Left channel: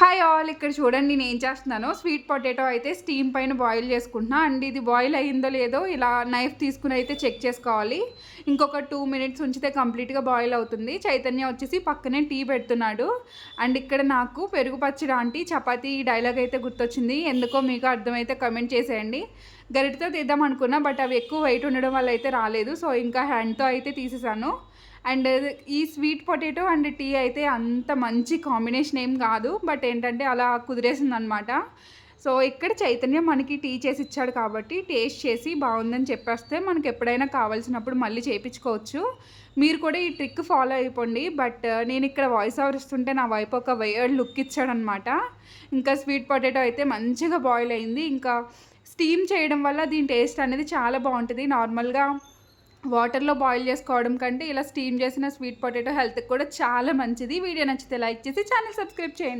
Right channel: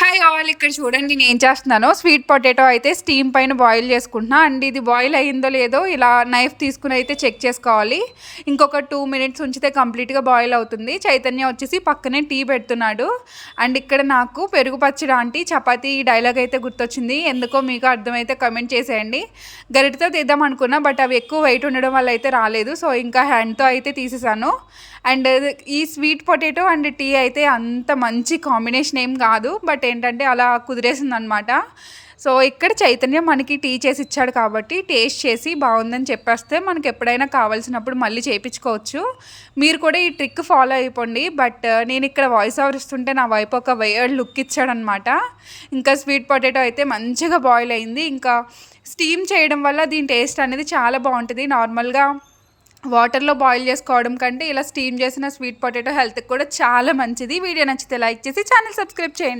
Hi all, ఇక్కడ చూడండి నేను ఏం చేస్తున్నానో స్వీట్ పొటాటో అయితే స్టీమ్ పైన బాయిల్ చేసుకుంటున్నా. అండ్ ఇది బాయిల్ అయ్యిందో లేదో ఇలా నైఫ్ తీసుకుని అయితే చెక్ చేసుకోవాలి. ఇంకొక 2 minutes ఉంచితే కంప్లీట్గా బాయిల్ అవుతుంది. చైతన్య వచ్చేసి పక్కనే టీ పెడుతున్నాడు. అండ్ ఇక్కడ నాకు పెరుగు పచ్చడి ఆంటీ చపాతీ డైలాగ్ అయితే గుర్తొచ్చింది. ఎందుకో మీకు అర్థమైతే కమెంట్ చేసేయండి. గరిటతో తీద్దాం అనుకున్నా, బట్ అవి ఎక్కువ వెయిట్ ఉండడం వల్ల అయితే రాలేదు. సో ఇంకా హ్యాండ్తో అయితే తీసేసాను. అండ్ ఈ స్వీట్ పొటాటో అండ్ టీ అయితే అంత మంచి కాంబినేషన్ ఏం కాదు, బట్ ఏంటంటే అలా కుదిరేసిందనమాట. సో ఇక్కడ చైతన్యం మనకి టీ చేసి ఇచ్చాడు కాబట్టి టేస్ట్ చేసి బాగుందని చెప్పేస్తే మనకి ఎప్పుడైనా కావాల్సినప్పుడు మళ్ళీ చేయించుకోవచ్చు. మీరు కూడా ఈ ట్రిక్ ఫాలో అయిపోండి. బట్ నేను ఇక్కడ వాయిస్ ఓవర్ ఇస్తుంటే నా వైపు ఒక వేర్డ్ లుక్ ఇచ్చాడనమాట. ఇంకా స్వీట్ పొటాటో అయితే మంచిగా బాయిల్ అయింది. ఇంకా స్టీమ్ చేయడం వల్ల దీని టేస్ట్ అనేది చాలా బాగుంటుంది. నార్మల్గా వాటర్లో బాయిల్ చేసుకోవడం కంటే ఇలా స్టీమ్ చేసిన స్వీట్ పొటాటో హెల్త్కి కూడా చాలా మంచిది. వీడియో నచ్చితే లైక్ చేసి ఛానల్ సబ్స్క్రైబ్ చేయండి.